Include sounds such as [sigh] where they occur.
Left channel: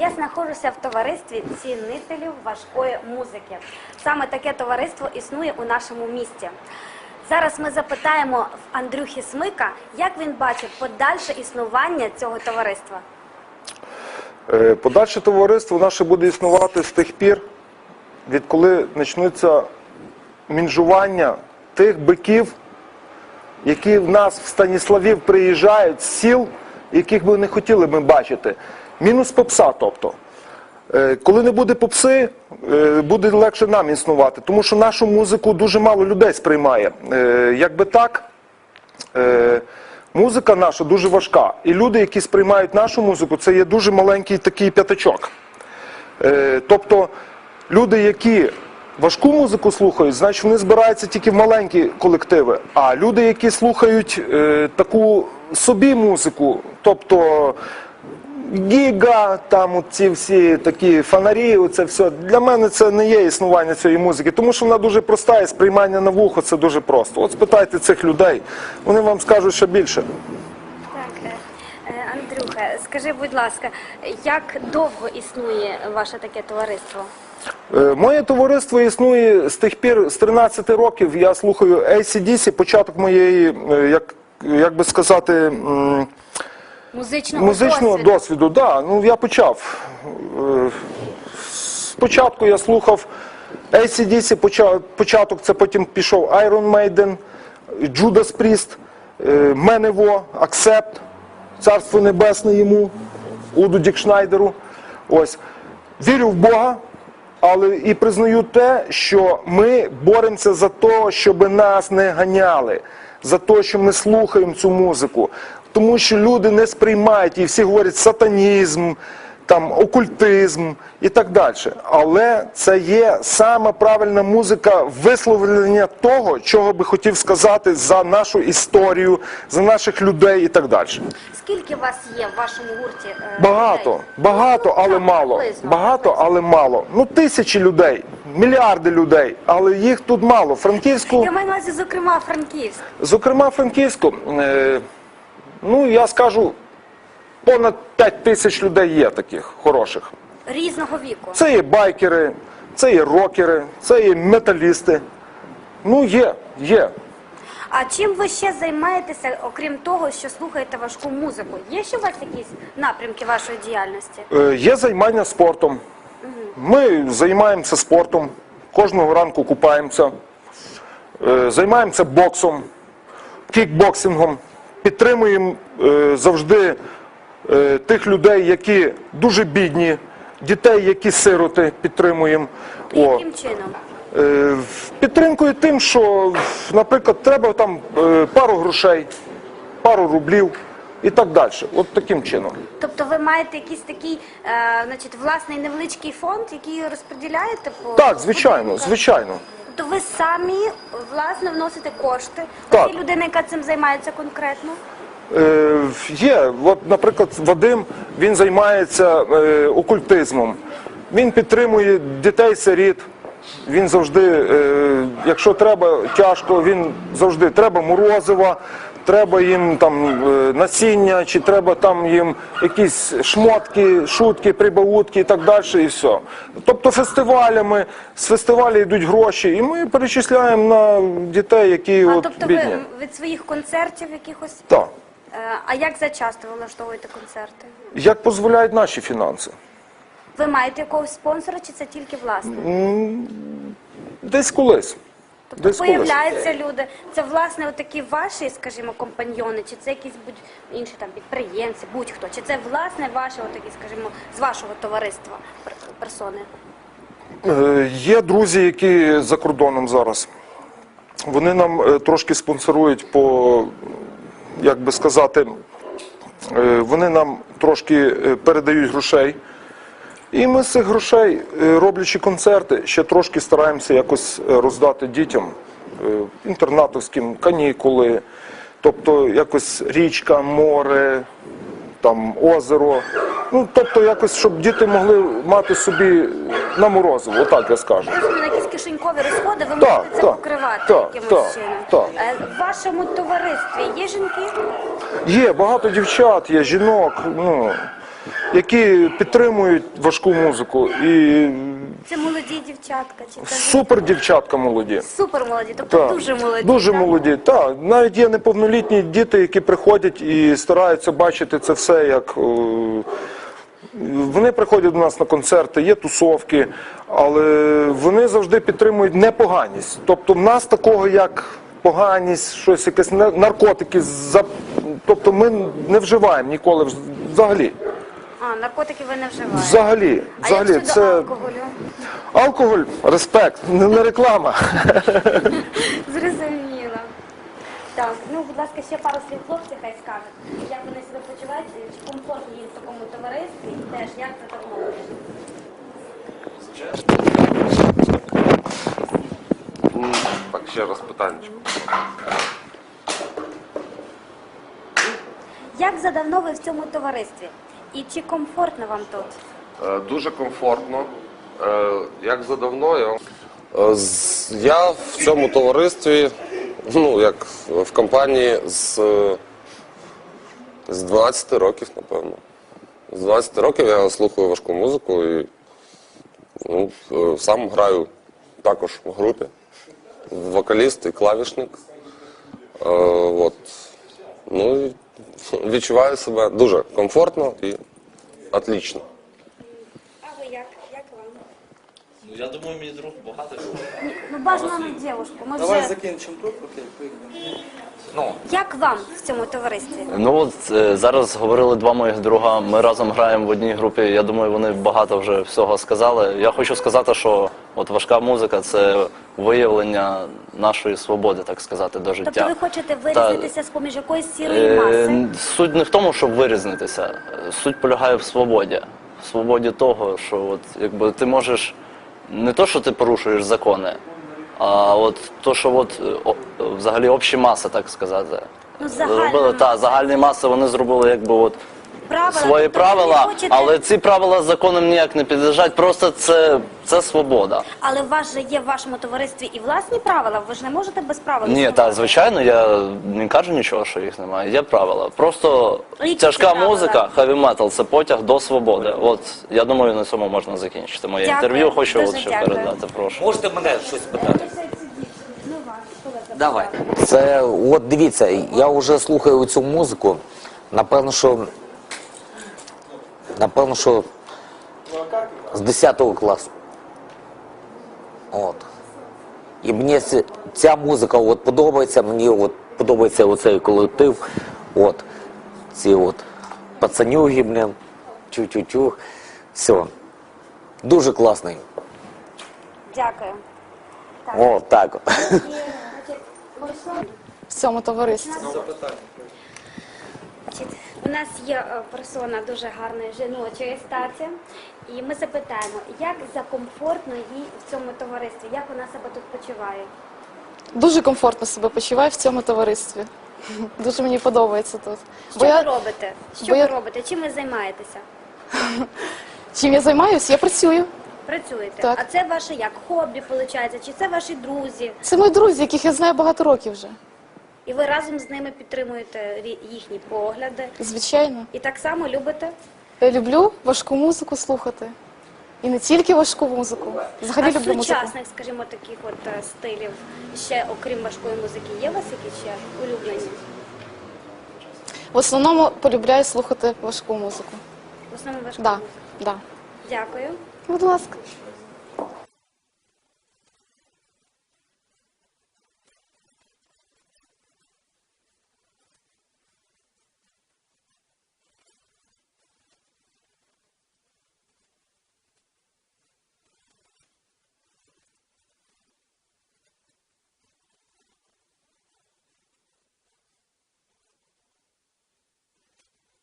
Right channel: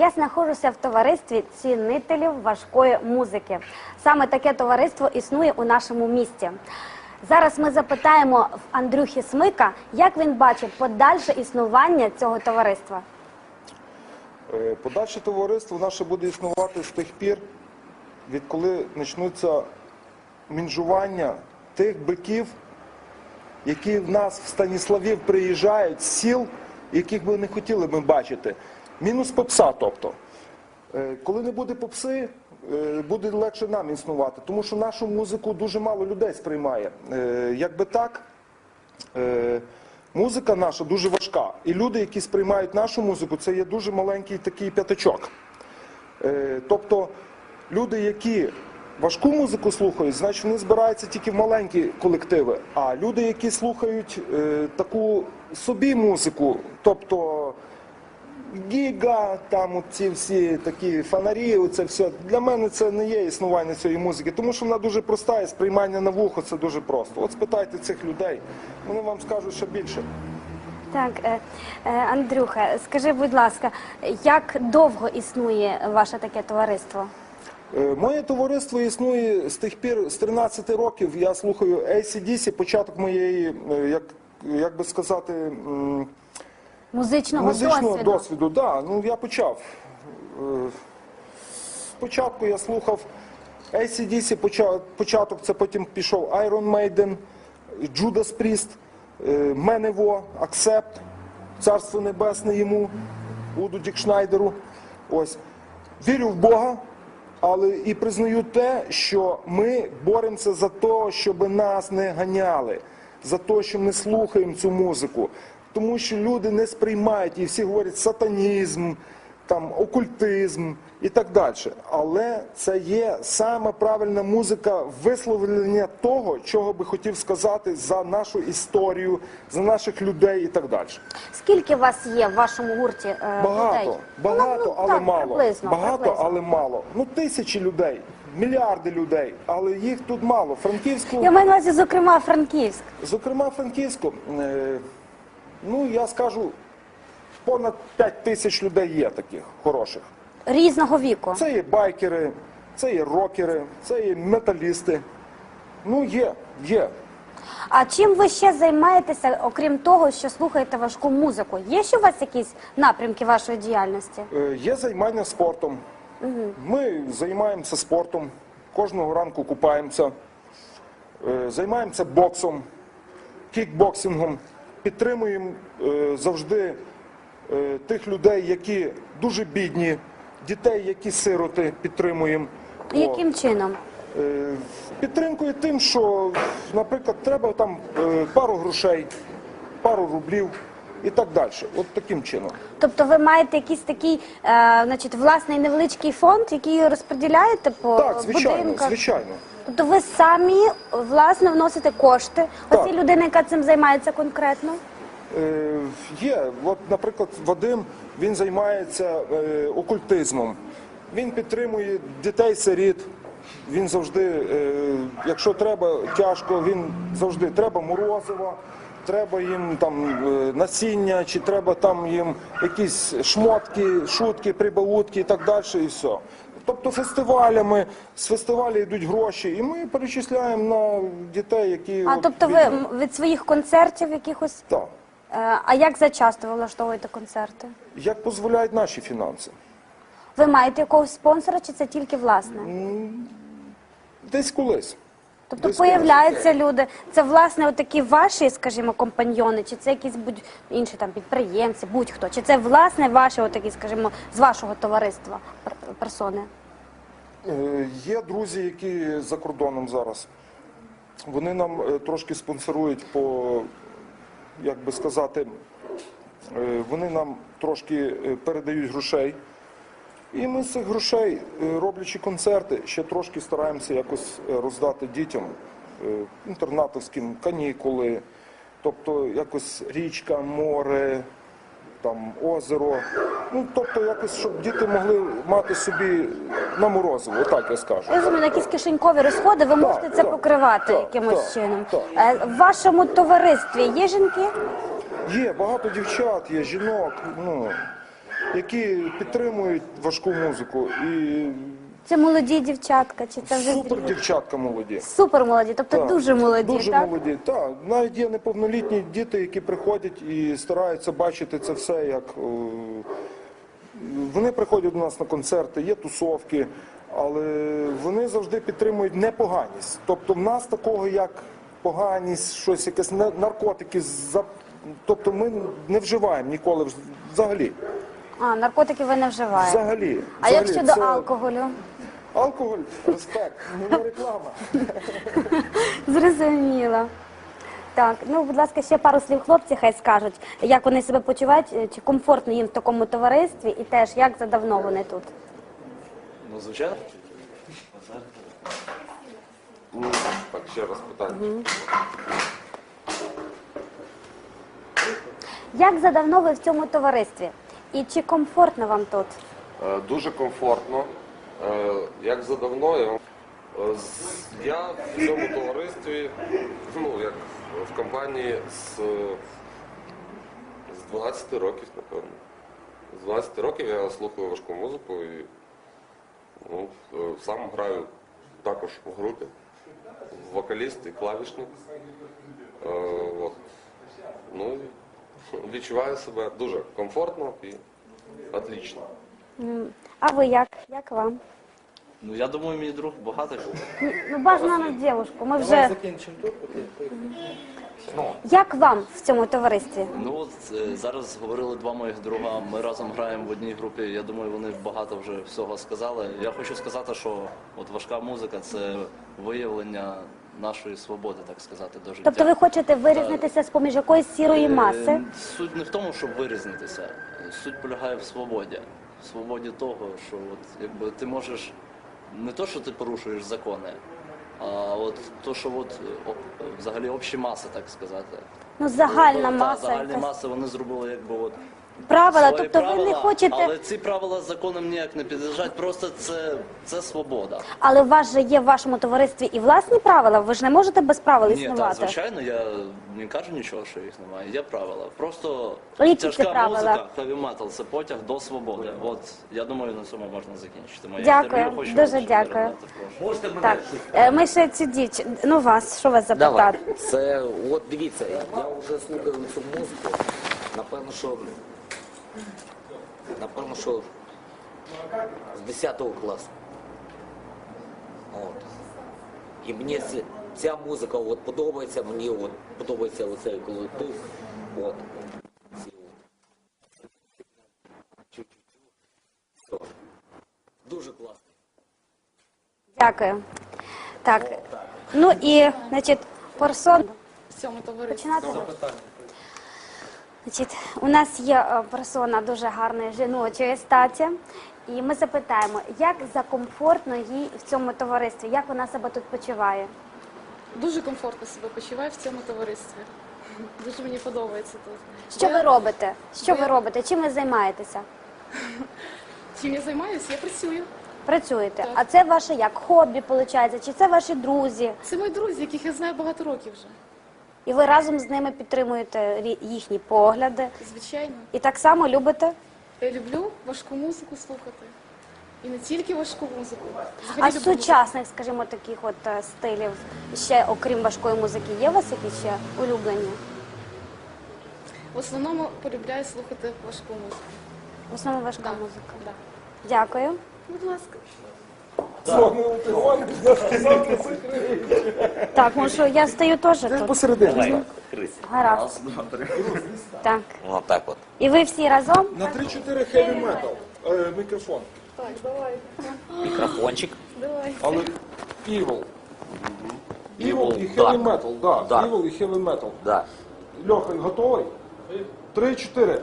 Я знаходжуся в товаристві цінителів важкої музики. Саме таке товариство існує у нашому місті. Зараз ми запитаємо в Андрюхи Смика, як він бачить подальше існування цього товариства. Е, Подальше товариство наше буде існувати з тих пір, відколи почнуться мінжування тих биків, які в нас в Станіславів приїжджають з сіл, яких би не хотіли ми бачити. Мінус попса, тобто. Е, Коли не буде попси, е, буде легше нам існувати, тому що нашу музику дуже мало людей сприймає. Е, Якби так, музика наша дуже важка. І люди, які сприймають нашу музику, це є дуже маленький такий п'ятачок. Тобто люди, які важку музику слухають, значить вони збираються тільки в маленькі колективи. А люди, які слухають таку собі музику, тобто гіга, там ці всі такі фонарі, це все. Для мене це не є існування цієї музики, тому що вона дуже проста і сприймання на вухо це дуже просто. От спитайте цих людей, вони вам скажуть ще більше. Так, е, е, Андрюха, скажи, будь ласка, як довго існує ваше таке товариство? Е, Моє товариство існує з тих пір, з 13 років. Я слухаю ACDC, початок моєї, е, як, як би сказати, м, Музичного, музичного досвіду? досвіду. Да, ну я почав. Спочатку я слухав ACDC, поча- початок, це потім пішов Iron Maiden, Judas Priest, Менево, Accept, Царство Небесне йому, Уду Дікшнайдеру. Ось. Вірю в Бога, але і признаю те, що ми боремося за те, щоб нас не ганяли, за те, що ми слухаємо цю музику. Тому що люди не сприймають і всі говорять сатанізм, там окультизм і так далі. Але це є саме правильна музика висловлення того, чого би хотів сказати за нашу історію, за наших людей і так далі. Скільки вас є в вашому гурті? е, Багато, людей? багато, Ну, але так, мало. приблизно, Багато, приблизно. але мало. Ну тисячі людей, мільярди людей, але їх тут мало. Франківську, Я маю на увазі, зокрема, Франківськ. зокрема, Франківську, е, ну я скажу, понад 5 тисяч людей є таких хороших. Різного віку. Це є байкери, це є рокери, це є металісти. Ну є, є. А чим ви ще займаєтеся, окрім того, що слухаєте важку музику? Є ще у вас якісь напрямки вашої діяльності? Е, Є займання спортом. Ми займаємося спортом, кожного ранку купаємося, Е, займаємося боксом, кікбоксингом, підтримуємо е, завжди е, тих людей, які дуже бідні, дітей, які сироти, підтримуємо. Яким чином? Е, Підтримкою тим, що, наприклад, треба там пару грошей, пару рублів і так далі. От таким чином. Тобто ви маєте якийсь такий, е, значить, власний невеличкий фонд, який розподіляєте по Так, звичайно, будинках? звичайно. Тобто ви самі власне вносите кошти. Так. Ось і людина, яка цим займається конкретно. Е, є, от, наприклад, Вадим, він займається е, окультизмом. Він підтримує дітей-сиріт. Він завжди, е, якщо треба тяжко, він завжди треба морозива, треба їм там е, насіння, чи треба там їм якісь шмотки, шутки, прибаутки і так далі, і все. Тобто фестивалями, з фестивалю йдуть гроші, і ми перечисляємо на дітей, які А от, тобто ви бідні. м, від своїх концертів якихось. Так. Е, а як зачасто ви влаштовуєте концерти? Як дозволяють наші фінанси? Ви маєте якогось спонсора, чи це тільки власне? Десь колись. Тобто Десь появляються люди. Це власне отакі ваші, скажімо, компаньйони, чи це якісь будь інші там підприємці, будь-хто, чи це власне ваші, отакі, скажімо, з вашого товариства пер- персони? Е, Є друзі, які за кордоном зараз. Вони нам е, трошки спонсорують по, як би сказати, е, вони нам трошки е, передають грошей. І ми з цих грошей, е, роблячи концерти, ще трошки стараємося якось е, роздати дітям е, інтернатовським канікули, тобто якось річка, море, там озеро. Ну, тобто якось, щоб діти могли мати собі на морозиво, отак я скажу. Розумію, якісь кишенькові розходи, ви Так, можете це так, покривати так, якимось так, чином. так. В вашому товаристві є жінки? Є багато дівчат, є жінок. Ну, які підтримують важку музику. І Це молоді дівчатка, чи це вже- супер дівчатка молоді. супер молоді, тобто Так. дуже молоді. Дуже так? молоді. Так, навіть є неповнолітні діти, які приходять і стараються бачити це все як. е, Вони приходять до нас на концерти, є тусовки, але вони завжди підтримують непоганість. Тобто, в нас такого як поганість, щось якесь на- наркотики, за- тобто ми не вживаємо ніколи вз- взагалі. А, наркотики ви не вживаєте. Взагалі, А як взагалі, щодо це алкоголю? алкоголь, респект, не, не реклама. [laughs] Зрозуміло. Так, ну будь ласка, ще пару слів хлопці хай скажуть, як вони себе почувають, е, чи комфортно їм в такому товаристві, і теж як за давно вони тут. Ну, звичайно. Так, ще раз питання. Як за давно ви в цьому товаристві? І чи комфортно вам тут? Е, Дуже комфортно. Е, Як задавно я вам. Е, з- Я в цьому товаристві, ну, як в компанії з, е, з 12 років, напевно. З 12 років я слухаю важку музику і ну, е, сам граю також в групі. Вокаліст і клавішник. Е, От. Ну, і відчуваю себе дуже комфортно і отлично. А ви як? Як вам? Ну, я думаю, мій друг багатий. Ні, Ну бажано на дівушку. Ми Давай вже закінчимо тут, окей, поїхали. як вам в цьому товаристві? Ну от е, зараз говорили два моїх друга. Ми разом граємо в одній групі. Я думаю, вони багато вже всього сказали. Я хочу сказати, що от важка музика це виявлення нашої свободи, так сказати, до життя. Тобто ви хочете вирізнитися з поміж якоїсь сірої Е, маси? Суть не в тому, щоб вирізнитися. Суть полягає в свободі. В свободі того, що от якби ти можеш не то, що ти порушуєш закони, а от то, що от о- взагалі общі маси, так сказати. Ну, загальна Зробили, та, маса. загальні маси вони зробили якби от Правила, свої тобто ви не правила, хочете- але ці правила законом ніяк не підлежать. Просто це, це свобода. Але у вас же є в вашому товаристві і власні правила. Ви ж не можете без правил Ні, існувати. так, звичайно, я не кажу нічого, що їх немає. Є правила. Просто Ну, які тяжка правила? музика, хеві метал це потяг до свободи. От я думаю, на цьому можна закінчити моє Дякую, інтерв'ю. Хочу дуже от дякую. передати. Прошу. Можете мене щось Е, Ми ще цю дівчину, ну вас, що вас запитати? Це от дивіться, я вже слухаю цю музику. Напевно, що напевно, що з 10 класу. От. І мені ця музика от подобається, мені от подобається оцей колектив. От. Ці от пацанюги, блін, чу-чу-чу. Все. Дуже класний. Дякую. Так, О, так. ну [laughs] і, значить, персон. в цьому товаристві. Значить, у нас є е, персона дуже гарної жіночої статі. І ми запитаємо, як закомфортно їй в цьому товаристві, як вона себе тут почуває? Дуже комфортно себе почуваю в цьому товаристві. [laughs] Дуже мені подобається тут. Що Бо ви я, робите? Що бо ви я- робите? Чим ви займаєтеся? [laughs] чим я займаюся? Я працюю. Працюєте? Так. А це ваше як хобі, виходить? Чи це ваші друзі? Це мої друзі, яких я знаю багато років вже. І ви разом з ними підтримуєте їхні погляди? Звичайно. І так само любите? Я люблю важку музику слухати. І не тільки важку музику. Взагалі А люблю з музику. сучасних, скажімо, таких от е, стилів, ще окрім важкої музики, є у вас якісь ще улюблені? В основному полюбляю слухати важку музику. В основному важка Да, музика. да. Дякую. Будь ласка. Так, може, я стою теж тут. Посередині. Гаразд. Так. Отак от. І ви всі разом? На 3-4 хеві метал. Е, мікрофон. Мікрофончик. Але evil. Evil і heavy metal, да. Так. Evil і heavy metal. Да. Льоха, готовий? Три-чотири.